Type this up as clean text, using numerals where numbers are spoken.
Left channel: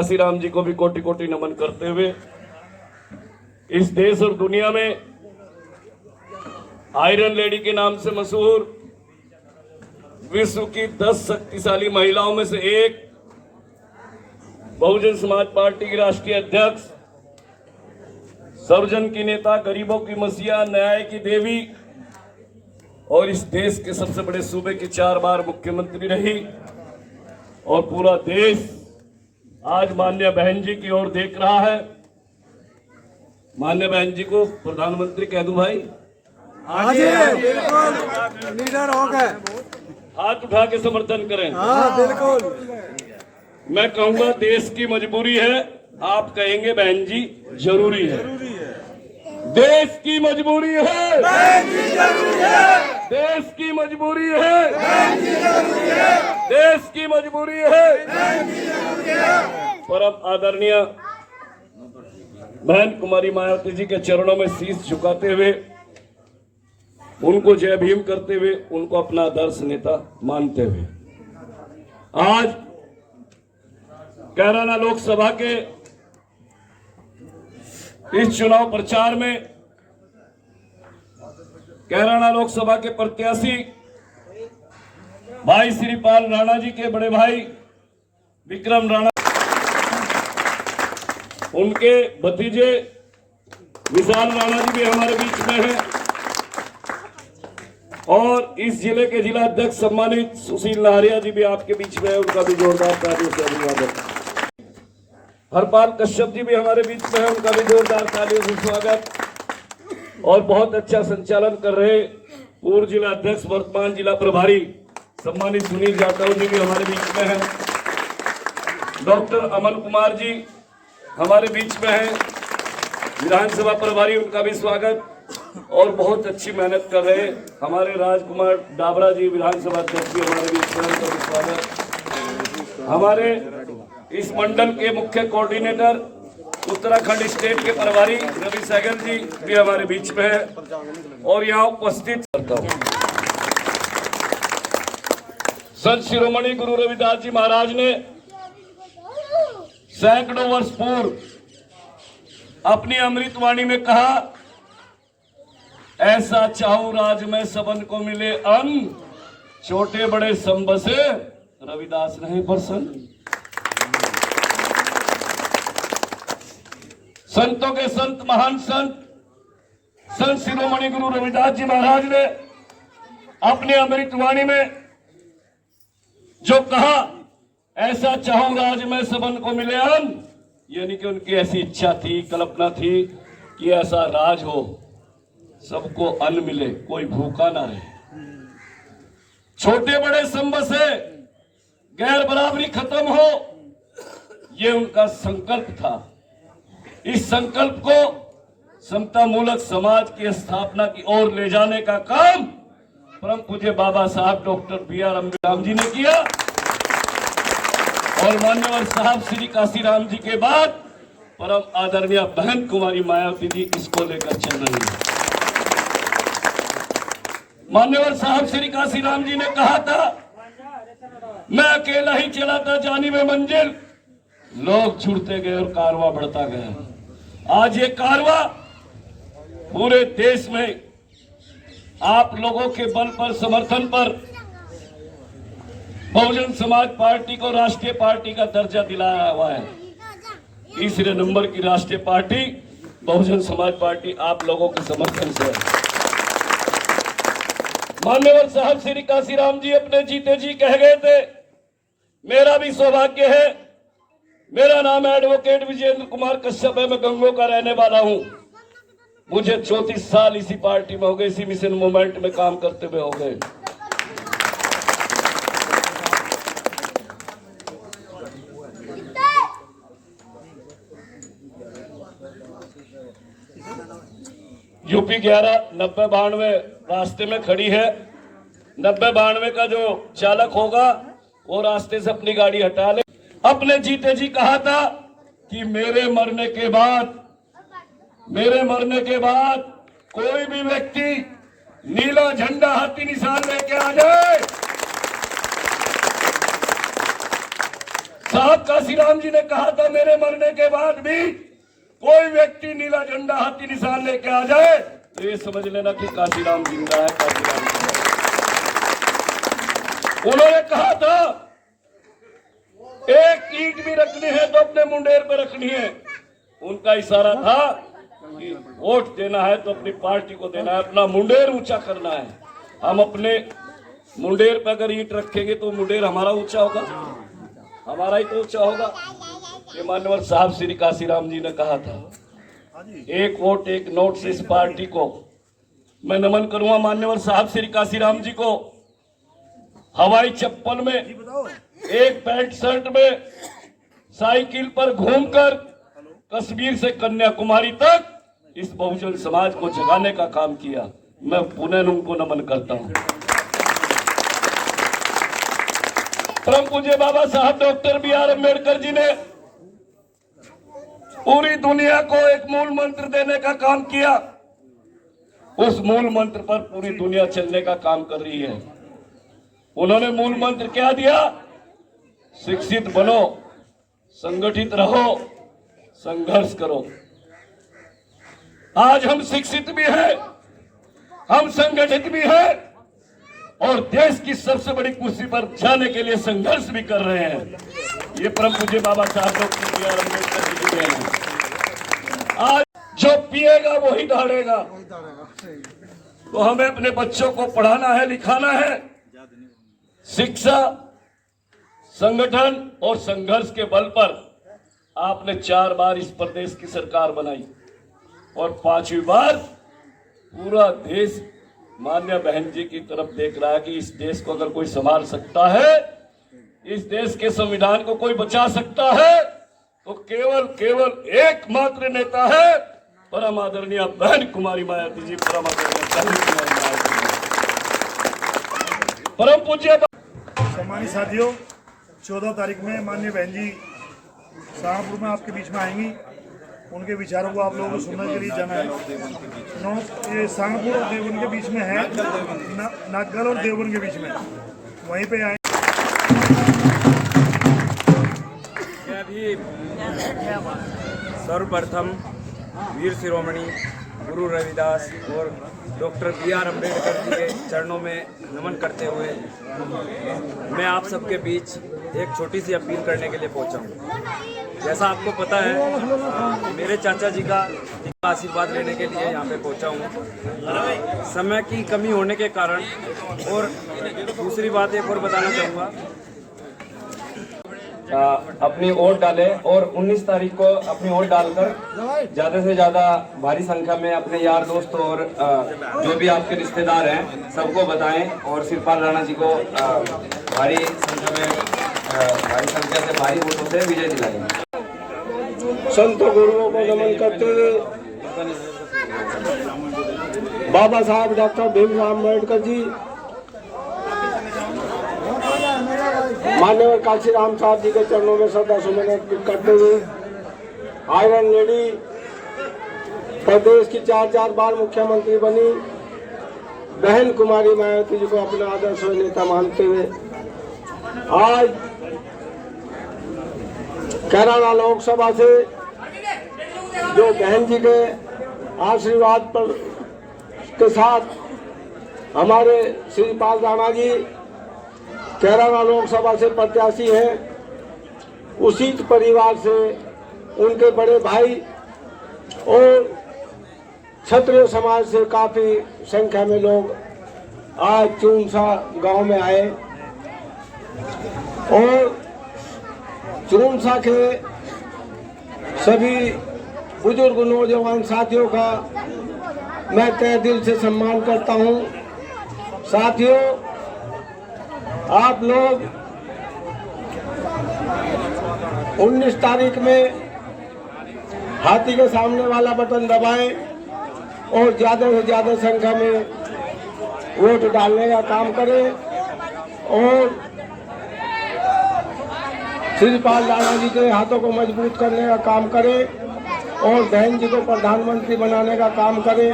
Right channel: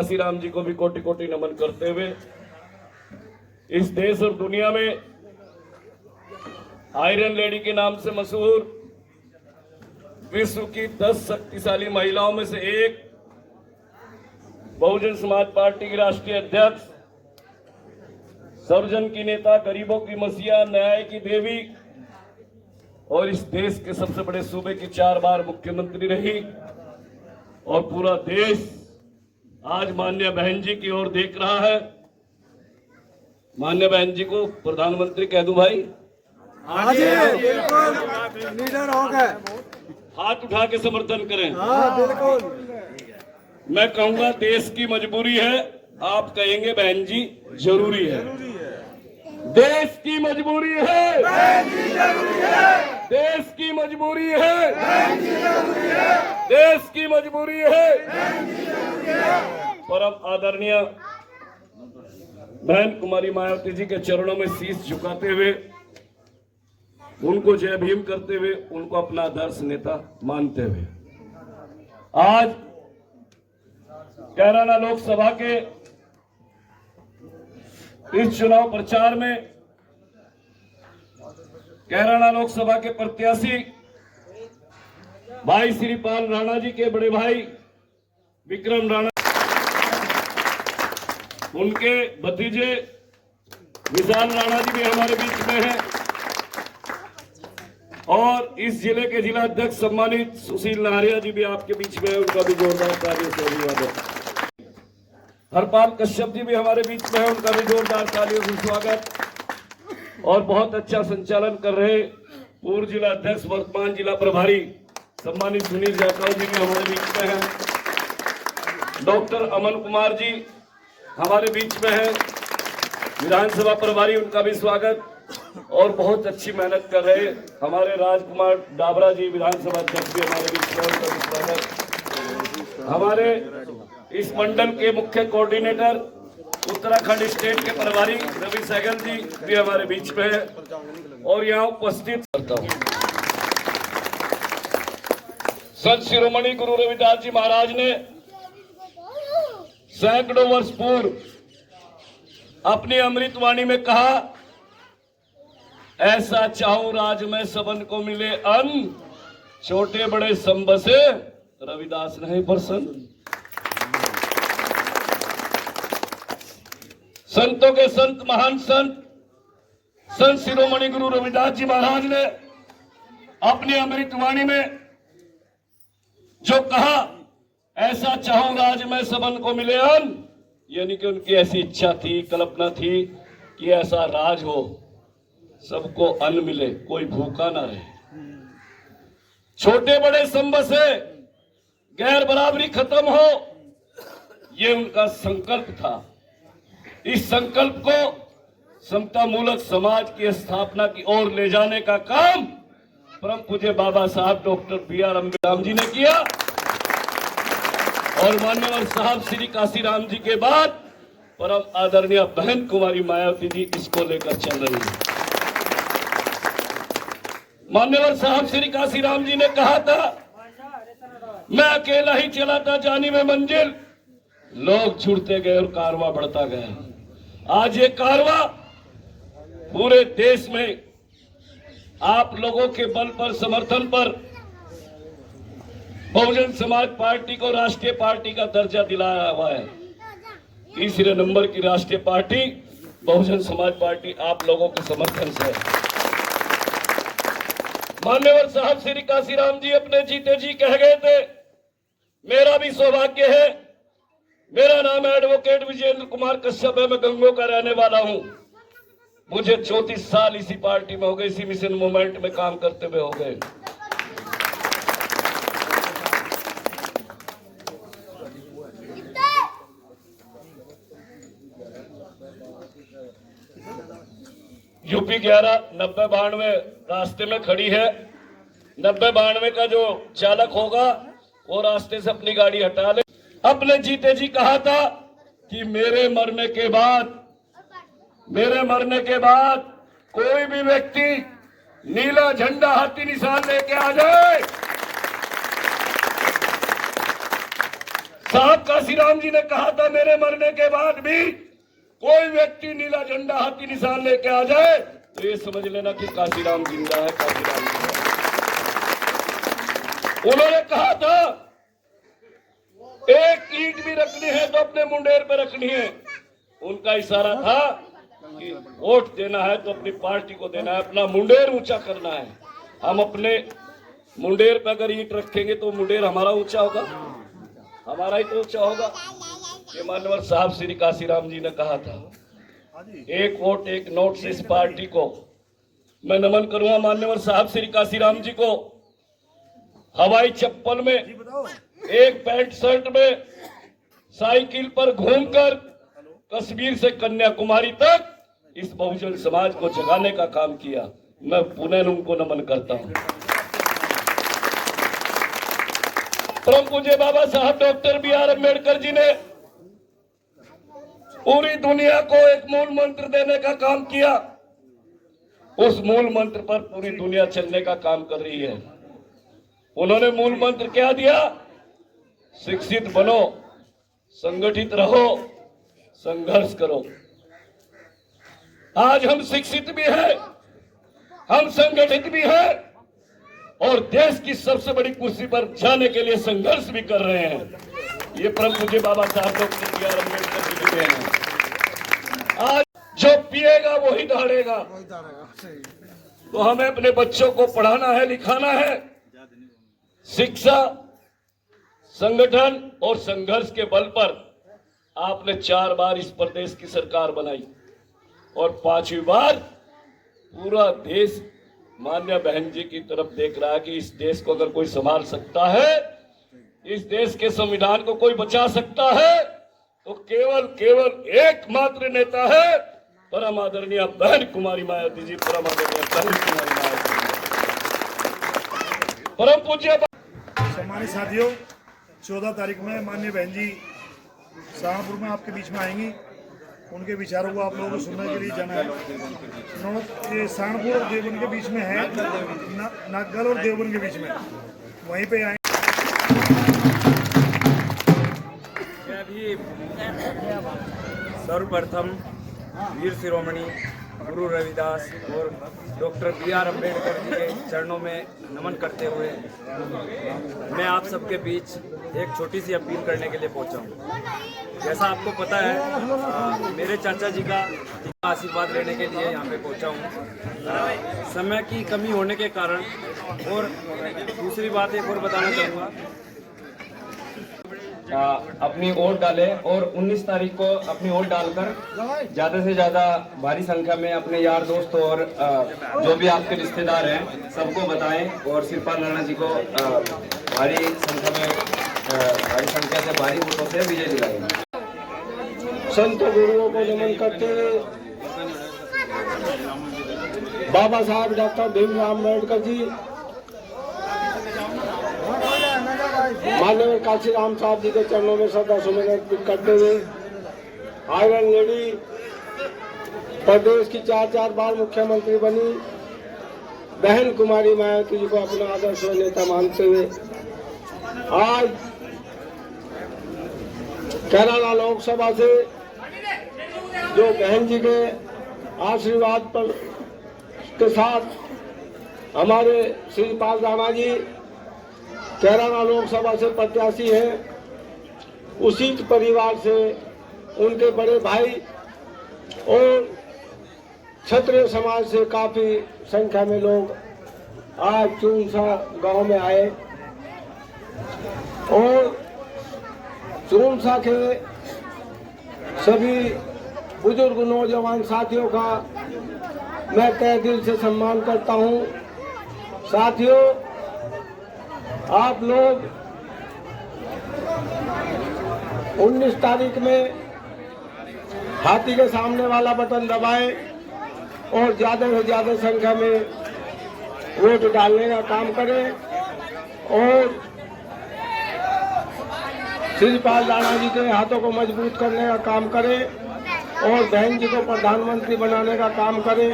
श्री राम जी को भी कोटि कोटि नमन करते हुए इस देश और दुनिया में आयरन लेडी के नाम से मशहूर विश्व की 10 शक्तिशाली महिलाओं में से एक बहुजन समाज पार्टी की राष्ट्रीय अध्यक्ष, सर्वजन की नेता, गरीबों की मसीहा, न्याय की देवी और इस देश के सबसे बड़े सूबे की 4 बार मुख्यमंत्री रही और पूरा देश आज माननीय बहन जी की ओर देख रहा है। माननीय बहन जी को प्रधानमंत्री कह दूं भाई? हाँ जी, बिल्कुल लीडर हो गए। हाथ उठा के समर्थन करें। हाँ बिल्कुल। मैं कहूंगा देश की मजबूरी है, आप कहेंगे बहन जी जरूरी है। देश की मजबूरी है, बहन जी जरूरी है। देश की मजबूरी है, बहन जी जरूरी है। देश की मजबूरी है, बहन जी जरूरी है। परम आदरणीय बहन कुमारी मायावती जी के चरणों में शीश झुकाते हुए, उनको जय भीम करते हुए, उनको अपना आदर्श नेता मानते हुए आज कैराना लोकसभा के इस चुनाव प्रचार में कैराना लोकसभा के प्रत्याशी भाई श्रीपाल राणा जी के बड़े भाई विक्रम राणा, उनके भतीजे विशाल राणा जी भी हमारे बीच में हैं और इस जिले के जिला अध्यक्ष सम्मानित सुशील लहरिया जी भी आपके बीच में है, उनका भी जोरदार तालियों से अभिवादन। हरपाल कश्यप जी भी हमारे बीच में है, उनका भी जोरदार तालियों से स्वागत। और बहुत अच्छा संचालन कर रहे पूर्व जिला अध्यक्ष, वर्तमान जिला प्रभारी सम्मानित सुनील जाटव जी भी हमारे बीच में हैं। डॉक्टर अमन कुमार जी हमारे बीच में है, विधानसभा प्रभारी, उनका भी स्वागत। और बहुत अच्छी मेहनत कर रहे हमारे राजकुमार डाबरा जी विधानसभा अध्यक्ष भी हमारे बीच में, उनका भी स्वागत। हमारे इस मंडल के मुख्य कोऑर्डिनेटर उत्तराखंड स्टेट के प्रभारी रवि सहगल जी भी हमारे बीच में है और यहाँ उपस्थित करता हूँ। संत शिरोमणि गुरु रविदास जी महाराज ने सैकड़ों वर्ष पूर्व अपनी अमृतवाणी में कहा, ऐसा चाहूं राज में सबन को मिले अन्न, छोटे बड़े संबसे रविदास नहीं प्रसन्न। संतों के संत, महान संत शिरोमणि गुरु रविदास जी महाराज ने अपनी अमृतवाणी में जो कहा, ऐसा चाहूं राज में सबन को मिले अन्न, यानी कि उनकी ऐसी इच्छा थी, कल्पना थी कि ऐसा राज हो, सबको अन्न मिले, कोई भूखा ना रहे, छोटे बड़े संबसे, गैर बराबरी खत्म हो, ये उनका संकल्प था। इस संकल्प को समता मूलक समाज की स्थापना की ओर ले जाने का काम परम पूज्य बाबा साहब डॉक्टर B.R. अम्बेडकर जी ने किया और मान्यवर साहब श्री काशीराम जी के बाद परम आदरणीय बहन कुमारी मायावती जी इसको लेकर चल रही है। मान्यवर साहब श्री काशीराम जी ने कहा था, मैं अकेला ही चला था जानी में मंजिल, लोग जुड़ते गए और कारवां बढ़ता गया। आज ये कारवां पूरे देश में आप लोगों के बल पर, समर्थन पर बहुजन समाज पार्टी को राष्ट्रीय पार्टी का दर्जा दिलाया हुआ है। तीसरे नंबर की राष्ट्रीय पार्टी बहुजन समाज पार्टी आप लोगों के समर्थन से। मान्यवर साहब श्री काशीराम जी अपने जीते जी कह गए थे, मेरा भी सौभाग्य है, मेरा नाम एडवोकेट विजेंद्र कुमार कश्यप है, मैं गंगों का रहने वाला हूं, मुझे 34 साल इसी पार्टी में हो गए, इसी मिशन मूवमेंट में काम करते हुए हो गए। यूपी 11 9092 रास्ते में खड़ी है। 9092 का जो चालक होगा वो रास्ते से अपनी गाड़ी हटा ले। अपने जीते जी कहा था कि मेरे मरने के बाद कोई भी व्यक्ति नीला झंडा हाथी निशान लेके आ जाए, साहब काशीराम जी ने कहा था मेरे मरने के बाद भी कोई व्यक्ति नीला झंडा हाथी निशान लेके आ जाए तो ये समझ लेना कि काशीराम जिंदा है, काशीराम जिंदा है। उन्होंने कहा था एक ईंट भी रखनी है तो अपने मुंडेर पे रखनी है। उनका इशारा था कि वोट देना है तो अपनी पार्टी को देना है, अपना मुंडेर ऊंचा करना है। हम अपने मुंडेर पे अगर ईंट रखेंगे तो मुंडेर हमारा ऊंचा होगा, हमारा ही तो ऊंचा होगा। ये मान्यवर साहब श्री काशीराम जी ने कहा था, एक वोट एक नोट से इस पार्टी को मैं नमन करूंगा। मान्यवर साहब श्री काशीराम जी को हवाई चप्पल में, एक पैंट शर्ट में, साइकिल पर घूमकर कश्मीर से कन्याकुमारी तक इस बहुजन समाज को जगाने का काम किया। मैं पुनः उनको नमन करता हूं। परम पूज्य बाबा साहब डॉक्टर बी.आर. अम्बेडकर जी ने पूरी दुनिया को एक मूल मंत्र देने का काम किया। उस मूल मंत्र पर पूरी दुनिया चलने का काम कर रही है। उन्होंने मूल मंत्र क्या दिया? शिक्षित बनो, संगठित रहो, संघर्ष करो। आज हम शिक्षित भी हैं, हम संगठित भी हैं और देश की सबसे बड़ी कुर्सी पर जाने के लिए संघर्ष भी कर रहे हैं। ये परम पूज्य बाबा साहब डॉक्टर बी.आर. अम्बेडकर जी की देन है। आज जो पिएगा वही दहाड़ेगा। तो हमें अपने बच्चों को पढ़ाना है, लिखाना है। शिक्षा, संगठन और संघर्ष के बल पर आपने 4 बार इस प्रदेश की सरकार बनाई और 5वीं बार पूरा देश मान्य बहन जी की तरफ देख रहा है कि इस देश को अगर कोई संभाल सकता है, इस देश के संविधान को कोई बचा सकता है तो केवल एकमात्र नेता है परम आदरणीय बहन कुमारी मायावती जी, परम आदरणीय बहन कुमारी मायावती जी। परम पूज्य सम्मानित साथियों, 14 तारीख में माननीय बहन जी सहारनपुर में आपके बीच में आएंगी। उनके विचारों को आप लोगों को सुनने के लिए जाना है। सहारनपुर और देवबंद के बीच में है, नागल और देवबंद के बीच में, वहीं पे आए। अभी सर्वप्रथम वीर शिरोमणि गुरु रविदास और डॉक्टर बी.आर. अम्बेडकर जी के चरणों में नमन करते हुए मैं आप सबके बीच एक छोटी सी अपील करने के लिए पहुंचा हूं। जैसा आपको पता है, मेरे चाचा जी का आशीर्वाद लेने के लिए यहाँ पे पहुंचा हूँ। समय की कमी होने के कारण, और दूसरी बात एक और बताना चाहूँगा, अपनी वोट डालें और 19 तारीख को अपनी वोट डालकर ज़्यादा से ज़्यादा भारी संख्या में अपने यार दोस्त और जो भी आपके रिश्तेदार हैं सबको बताएं और शिवपाल राणा जी को भारी संख्या से भारी वोटों से विजय दिलाएंगे। संत गुरुओं को नमन करते हुए बाबा साहब डॉक्टर भीमराव अम्बेडकर जी, मान्यवर काशीराम साहब जी के चरणों में श्रद्धा सुमन अर्पित करते हुए आयरन लेडी, प्रदेश की 4 बार मुख्यमंत्री बनी बहन कुमारी मायावती जी को अपना आदर्श नेता मानते हुए आज कैराना लोकसभा से जो बहन जी के आशीर्वाद पर के साथ हमारे श्रीपाल राणा जी कैराना लोकसभा से प्रत्याशी हैं, उसी परिवार से उनके बड़े भाई और क्षत्रिय समाज से काफी संख्या में लोग आज चूनसा गांव में आए और चूनसा के सभी बुजुर्ग नौजवान साथियों का मैं तहे दिल से सम्मान करता हूं। साथियों, आप लोग 19 तारीख में हाथी के सामने वाला बटन दबाएं और ज्यादा से ज्यादा संख्या में वोट डालने का काम करें और श्रीपाल राणा जी के हाथों को मजबूत करने का काम करें और बहन जी को प्रधानमंत्री बनाने का काम करें।